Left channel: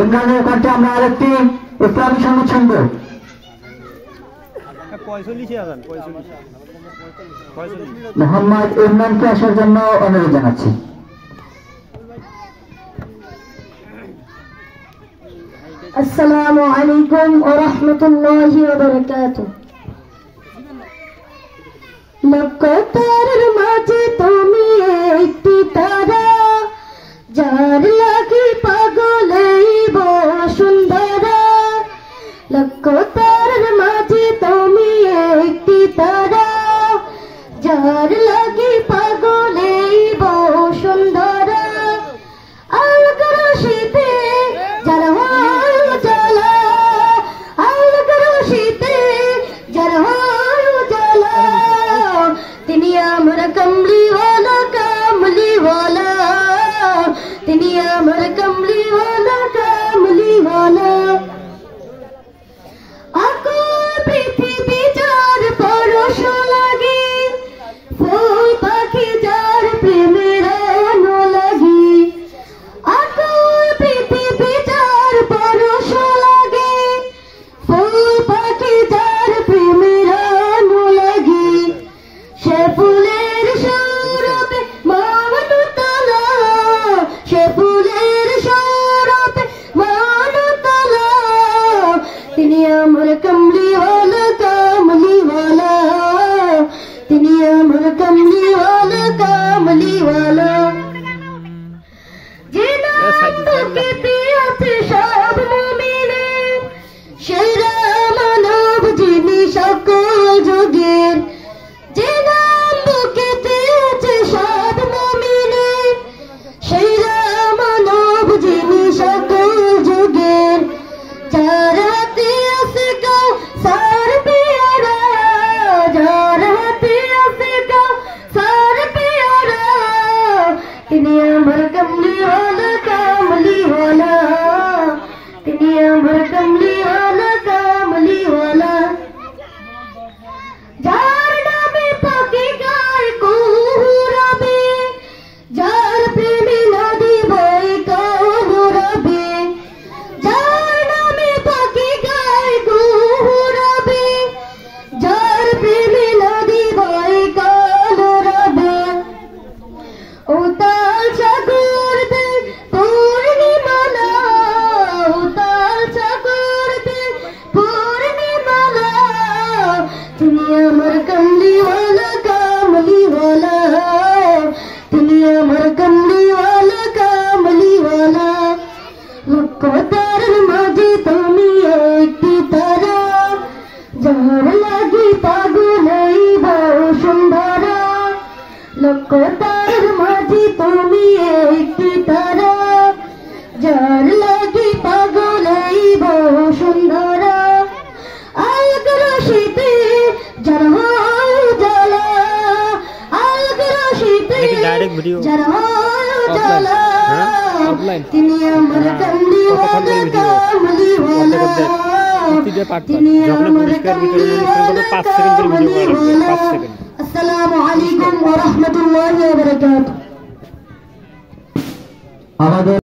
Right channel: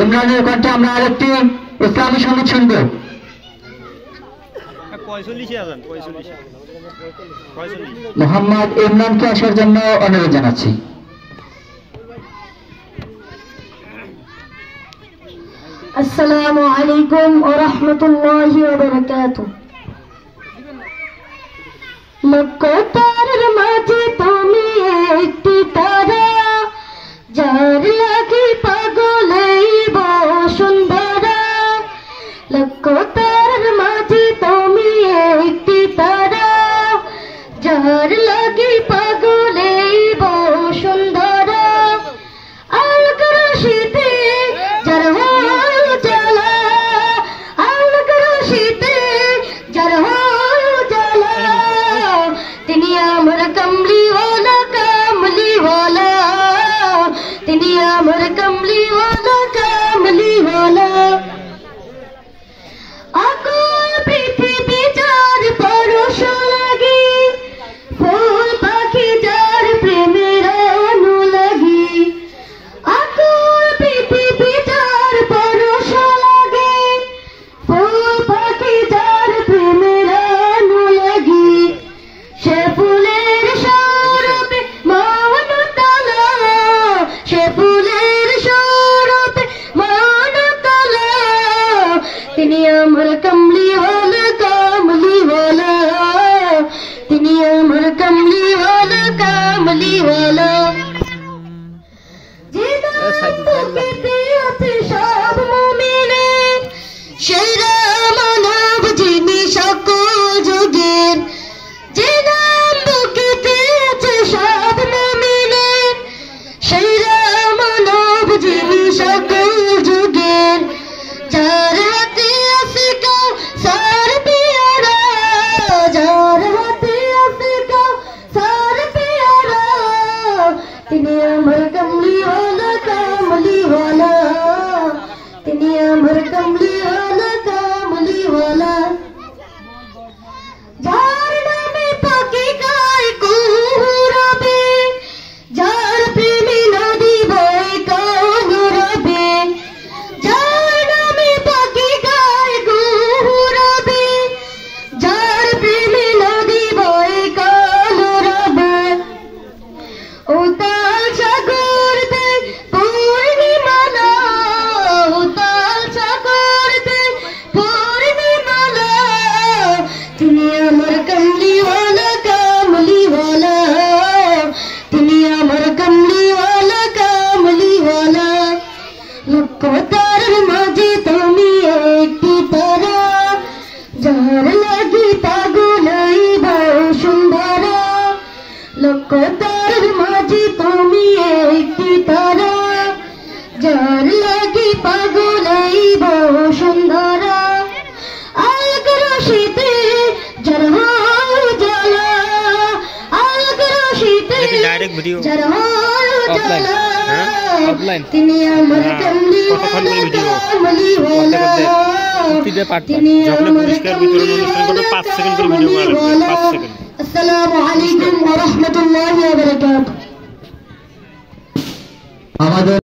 ইমরানের কণ্ঠে আমরা আরেকটি ইসলামী সঙ্গীত শুনব। মোহাম্মদ ইমরানকে আসার জন্য অনুরোধ জানাচ্ছি। আসসালামু আলাইকুম ওয়া রাহমাতুল্লাহি ওয়া বারাকাতুহু। লক্ষ তারার মাঝে তুমি একটি তারা, যার লাগি পাগল এই বসুন্ধরা। লক্ষ তারার মাঝে তুমি একটি তারা, যার লাগি পাগল এই বসুন্ধরা। আলোক রশিতে যার হয় জ্বালা, আলোক রশিতে যার হয় জ্বালা। তিনি আমার কমলিওয়ালা কামলিওয়ালা, তিনি আমার কমলিওয়ালা কামলিওয়ালা। আকুল পৃথিবী যার পরশ লাগি, ফুল পাখি যার প্রেমের অনুরাগী। আকুল পৃথিবী যার পরশ লাগে, ফুল পাখি যার প্রেমের অনুরাগী। সে ফুলের সৌরভে মনতলা, সে ফুলের সৌরভে মনতলা। তিনি আমার কমলিওয়ালা কামলিওয়ালা, তিনি আমার কমলিওয়ালা কামলিওয়ালা। যে নাম তোকে আছে সব মুমিনের, সেরা মানব যিনি সকল যুগের। যে নাম বুকেতে আছে সব মুমিনের, সেরা মানব যিনি সকল যুগের। যার হাতে আছে কাউসার পেয়ারা, যার হাতে আছে কাউসার পেয়ারা। তিনি আমার কমলিওয়ালা কামলিওয়ালা, তিনি আমার কমলিওয়ালা কামলিওয়ালা। যার নামে পাখি গায় কুহুরাবে, যার প্রেমে নদী বয় কহুরাবে। যার নামে পাখি গায় কুহুরাবে, যার প্রেমে নদী বয় কহুরাবে। উতাল সাগর দেয় পূর্ণিমালা, উতাল সাগর দেয় পূর্ণিমালা। তিনি আমার কমলিওয়ালা কামলিওয়ালা, তিনি আমার কমলিওয়ালা কামলিওয়ালা। লক্ষ তারার মাঝে তুমি একটি তারা, যার লাগি পাগল এই বসুন্ধরা। লক্ষ তারার মাঝে তুমি একটি তারা, যার লাগি পাগল এই বসুন্ধরা। আলোক রশিতে যার হয় জ্বালা, আলোক রশিতে যার হয় জ্বালা। তিনি আমার কমলিওয়ালা কামলিওয়ালা, তিনি আমার কমলিওয়ালা কামলিওয়ালা। আসসালামু আলাইকুম ওয়া রাহমাতুল্লাহি ওয়া বারাকাতুহু। আমাদের